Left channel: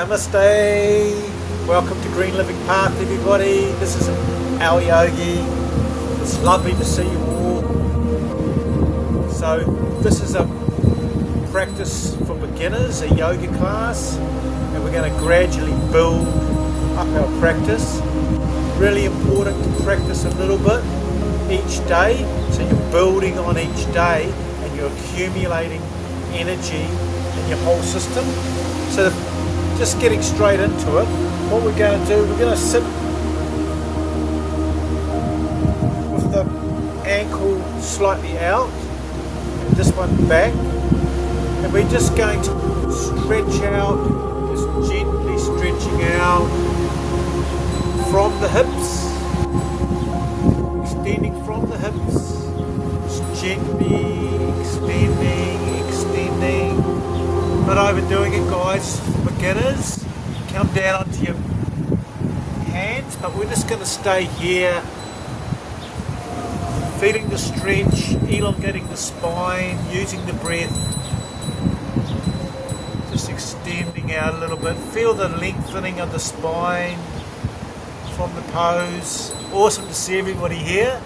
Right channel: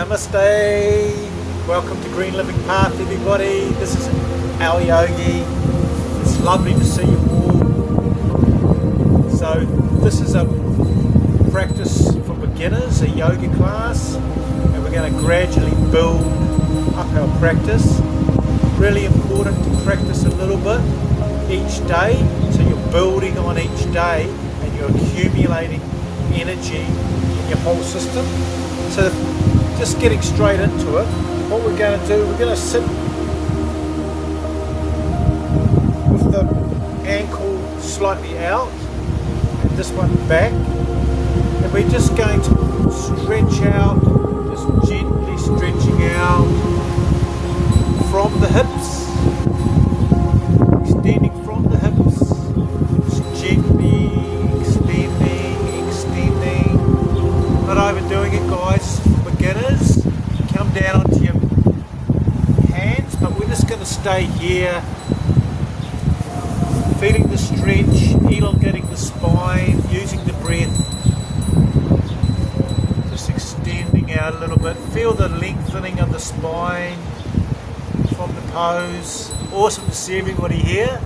Namaste. Welcome to Green Living Path, everybody. This is Alyogi. It's lovely to see you all. So this is a practice for beginners, a yoga class, and we're going to gradually build up our practice. Really important to practice a little bit each day, so you're building on each day and you're accumulating energy in your whole system. So just getting straight into it, what we're going to do, we're going to sit with the ankle slightly out, this one back, and we're just going to stretch out, just gently stretching out from the hips, extending from the hips, just gently extending, not overdoing it, guys. Beginners, come down onto your hands, but we're just going to stay here, feeling the stretch, elongating the spine, using the breath, just extending out a little bit. Feel the lengthening of the spine from the pose. Awesome to see everybody here.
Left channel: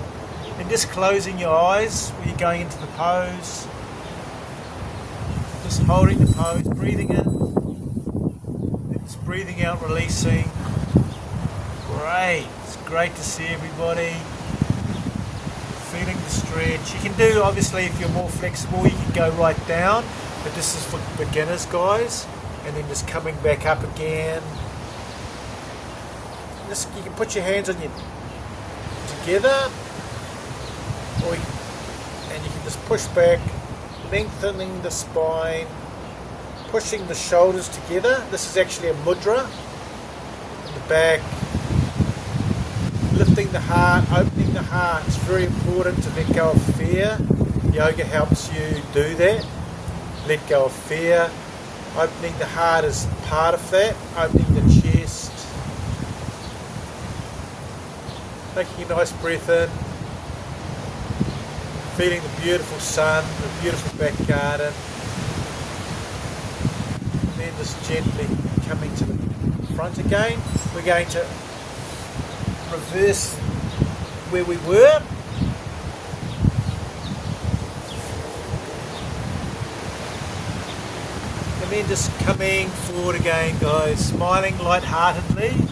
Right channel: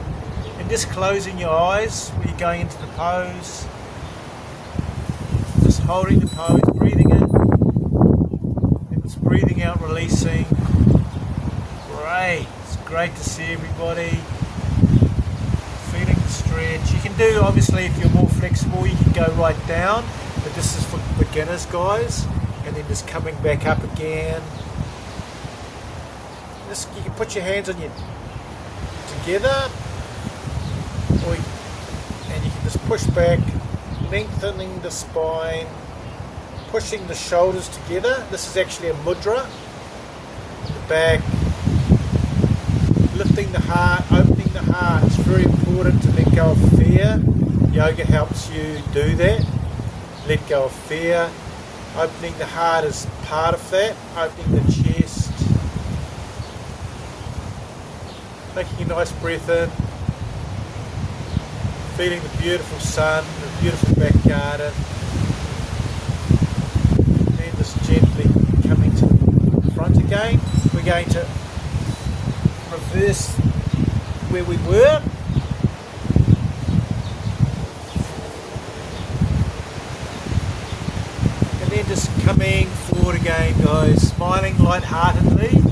And just closing your eyes when you're going into the pose, just holding the pose, breathing in, breathing out, releasing. Great. It's great to see everybody. Feeling the stretch. You can do, obviously, if you're more flexible, you can go right down. But this is for beginners, guys. And then just coming back up again. You can put your hands on your together. And you can just push back, lengthening the spine, pushing the shoulders together. This is actually a mudra. The back, lifting the heart, opening the heart. It's very important to let go of fear. Yoga helps you do that. Let go of fear. Opening the heart is part of that. Opening the chest. Taking a nice breath in. Feeling the beautiful sun, the beautiful back garden. Again, we're going to reverse where we were. And then just coming forward again, guys, smiling lightheartedly.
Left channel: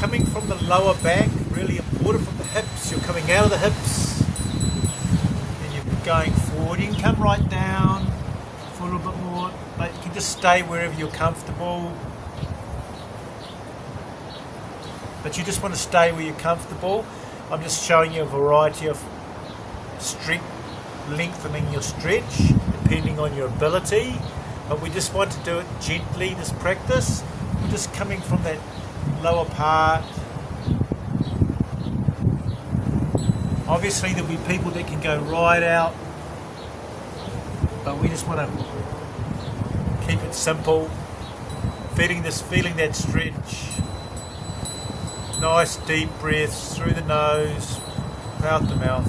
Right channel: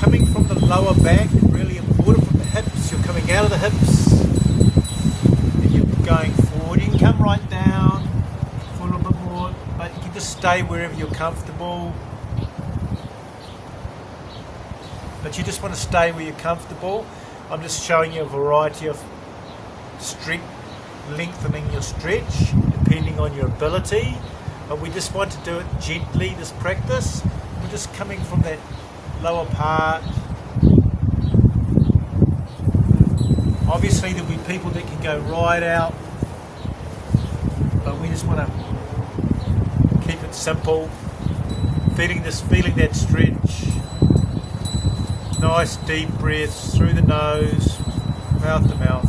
Coming from the lower back, really important, from the hips. You're coming out of the hips and you're going forward. You can come right down for a little bit more, but you can just stay wherever you're comfortable. But you just want to stay where you're comfortable. I'm just showing you a variety of lengthening your stretch depending on your ability. But we just want to do it gently, this practice. We're just coming from that lower part. Obviously there'll be people that can go right out, but we just want to keep it simple. Feeling that stretch. Nice deep breaths through the nose, out the mouth.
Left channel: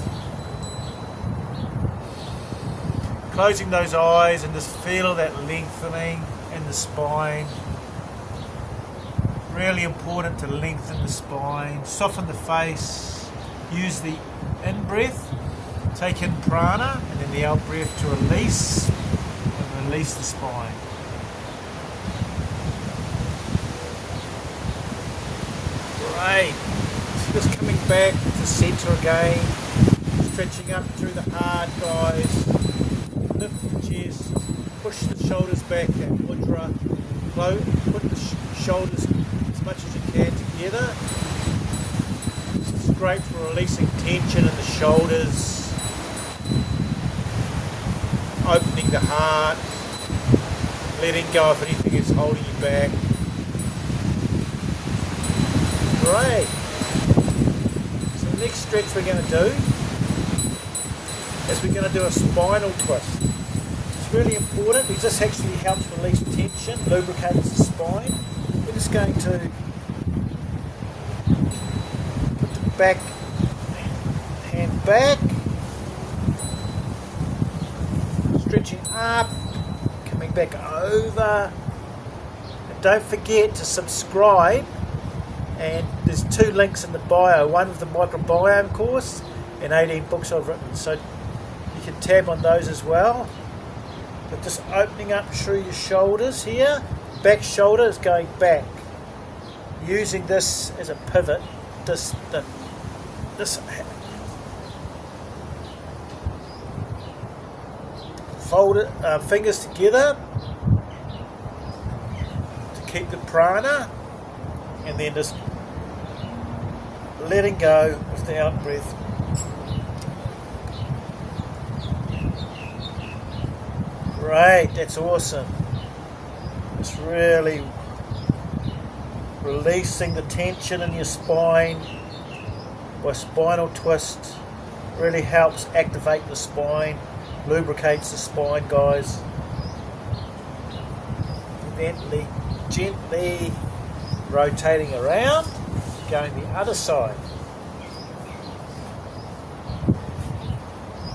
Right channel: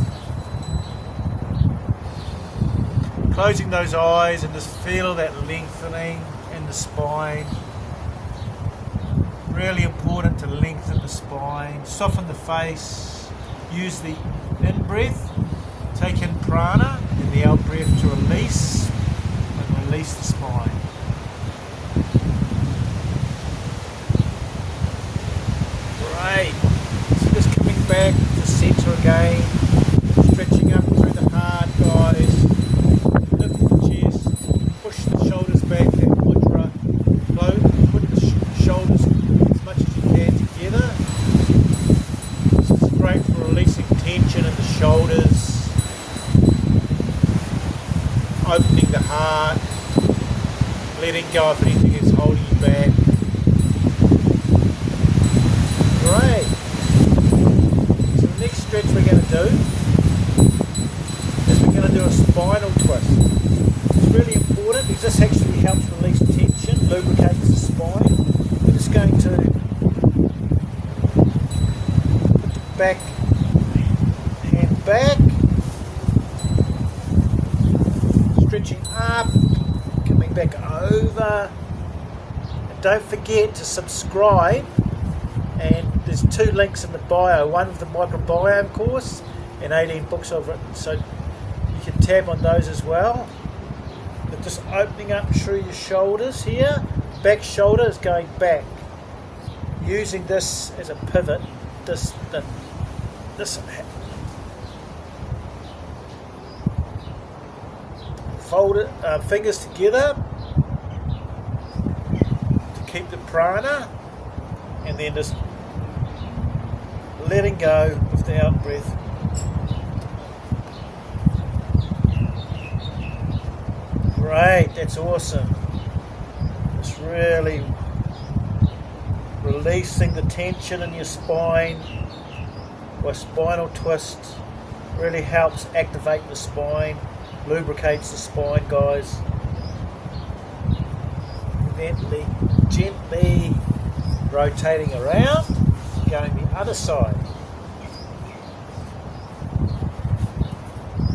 Closing those eyes and just feel that lengthening in the spine. Really important to lengthen the spine, soften the face. Use the in-breath, take in prana, and then the out-breath to release, and release the spine. So just coming back to center again, stretching up through the heart, guys. Lift the chest, push the shoulders back, that mudra. Put the shoulders as much as you can together. This is great for releasing tension in the shoulders, opening the heart, letting go of anything that's holding you back. Stretch we're going to do is we're going to do a spinal twist. It's really important because this actually helps release tension, lubricates the spine. We're just going to put the back hand back, stretching up, coming back over, don't forget to subscribe, and there's 2 links in the bio, one of the microbiome course and 18 books I've written, so you can tab on those as well. But just opening up through your shoulders here, back shoulder is going back, using this as a pivot, this fold it, fingers together to keep the prana, and then just letting go with the out breath. Great, that's awesome. It's really releasing the tension in your spine or spinal twist. Really helps activate the spine, lubricates the spine, guys. Gently rotating around, going the other side.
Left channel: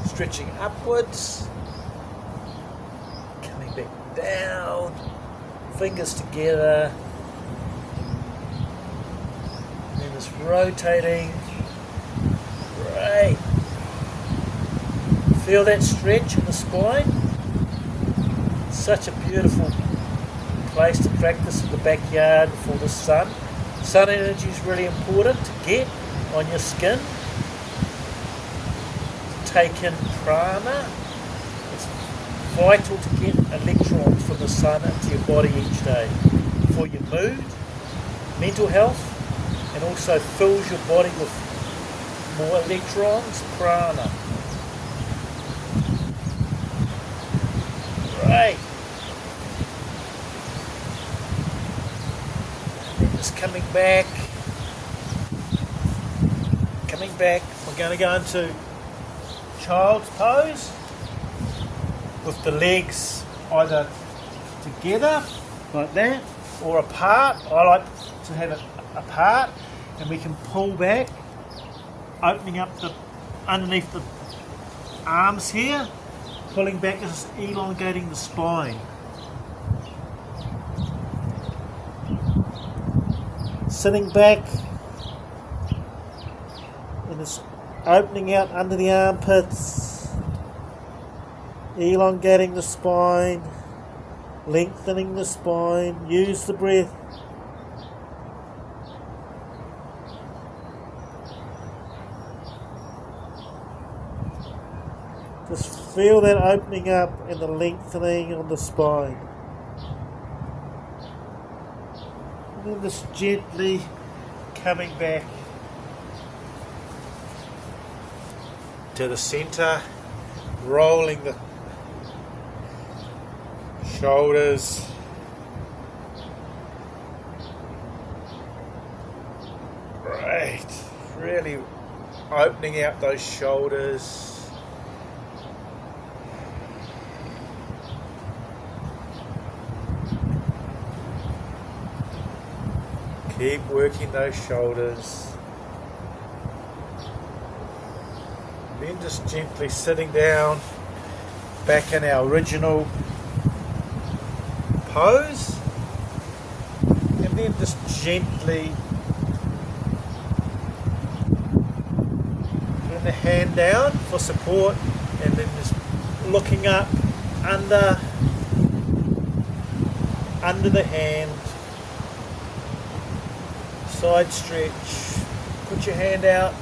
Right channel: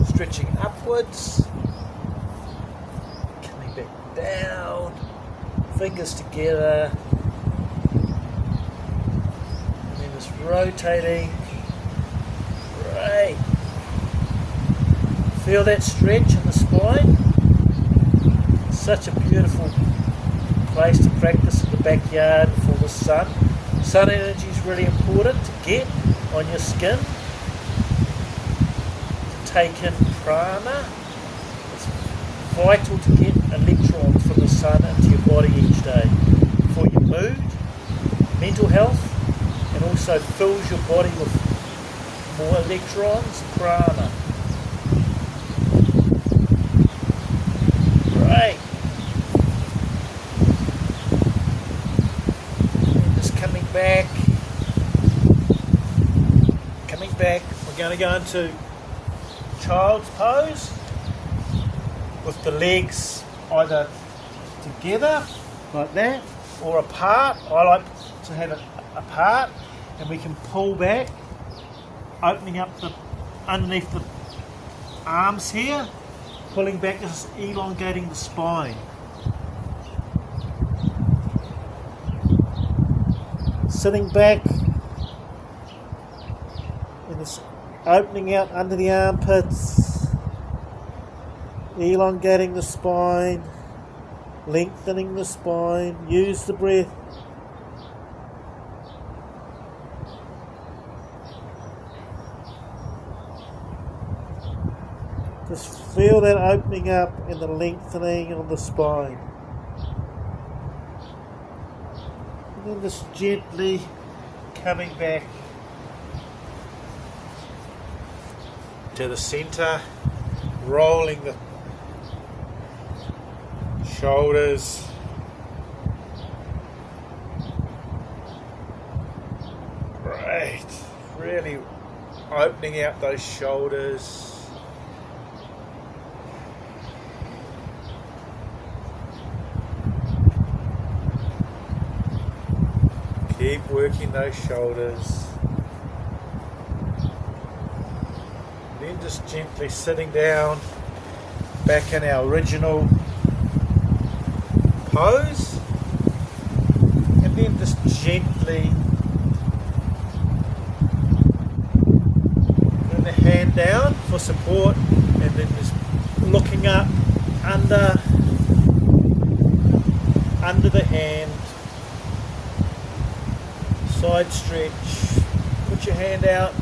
Stretching upwards, coming back down, fingers together, and just rotating. Great. Feel that stretch in the spine. Such a beautiful place to practice in the backyard for the sun. Sun energy is really important to get on your skin. To take in prana. It's vital to get electrons from the sun into your body each day for your mood, mental health, and also fills your body with more electrons, prana. Great. Just coming back. We're going to go into child's pose with the legs either together like that or apart. I like to have it apart, and we can pull back, opening up the underneath the arms here, pulling back, just elongating the spine. Sitting back and just opening out under the armpits, elongating the spine, lengthening the spine. Use the breath. Just feel that opening up and the lengthening of the spine. And then just gently coming back to the center, rolling the shoulders. Great. Really opening out those shoulders. Keep working those shoulders. Then just gently sitting down back in our original pose. And then just gently putting the hand down for support, and then just looking up under the hand. Side stretch. Put your hand out.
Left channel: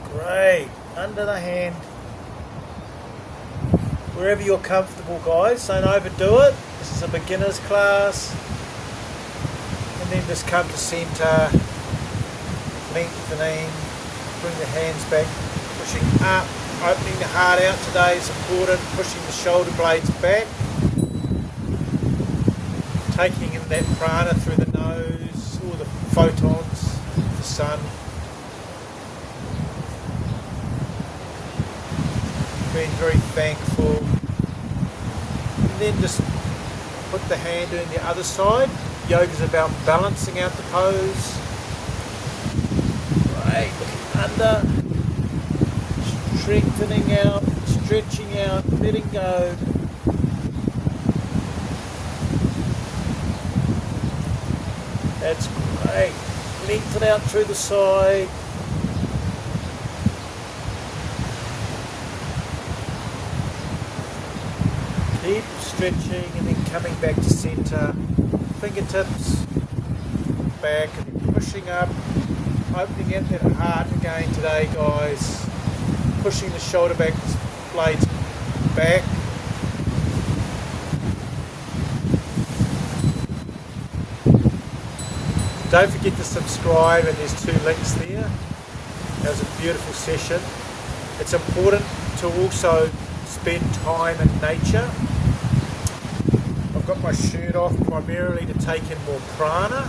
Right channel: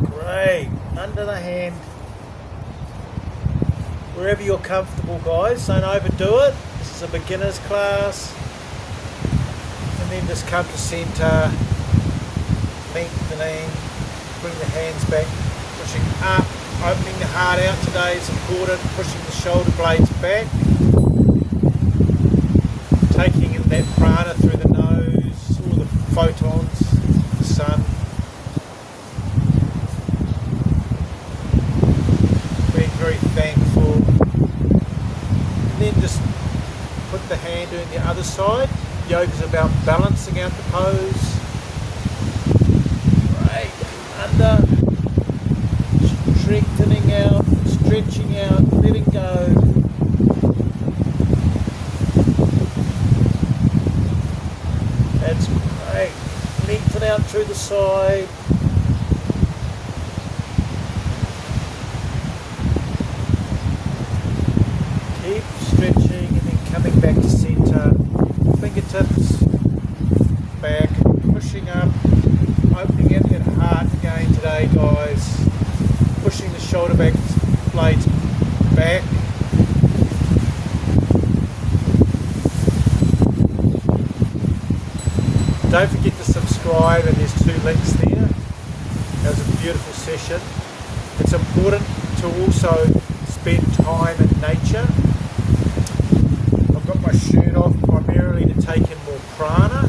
Great. Under the hand. Wherever you're comfortable, guys. Don't overdo it. This is a beginner's class. And then just come to center. Lengthening. Bring the hands back. Pushing up. Opening the heart out today is important. Pushing the shoulder blades back. Taking in that prana through the nose, all the photons, the sun. Being very thankful. And then just put the hand in the other side. Yoga is about balancing out the pose. Right, under. Strengthening out, stretching out, letting go. through the side. Keep stretching and then coming back to centre. Fingertips back, pushing up, opening it in the heart again today, guys. Pushing the shoulder back blades back. Don't forget to subscribe, and there's 2 links there. It was a beautiful session. It's important to also spend time in nature. I've got my shirt off primarily to take in more prana.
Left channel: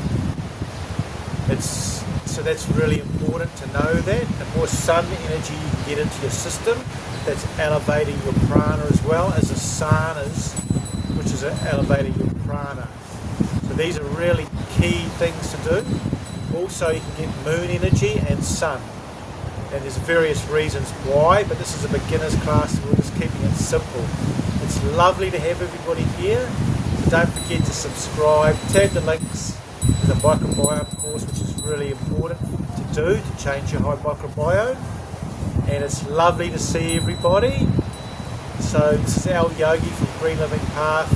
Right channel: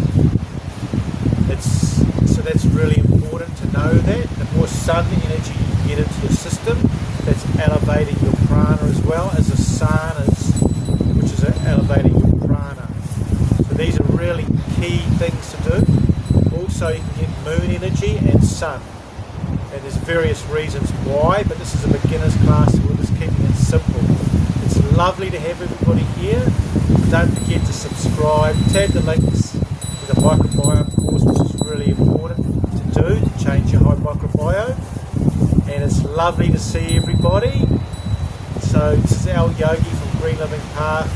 So that's really important to know that. The more sun energy you can get into your system, that's elevating your prana as well as the sun is, which is elevating your prana. So these are really key things to do. Also, you can get moon energy and sun. And there's various reasons why, but this is a beginner's class, so we're just keeping it simple. It's lovely to have everybody here. Don't forget to subscribe, tag the links in the microbiome course, which is really important to do to change your whole microbiome. And it's lovely to see everybody. So this is Alyogi from Green Living Path.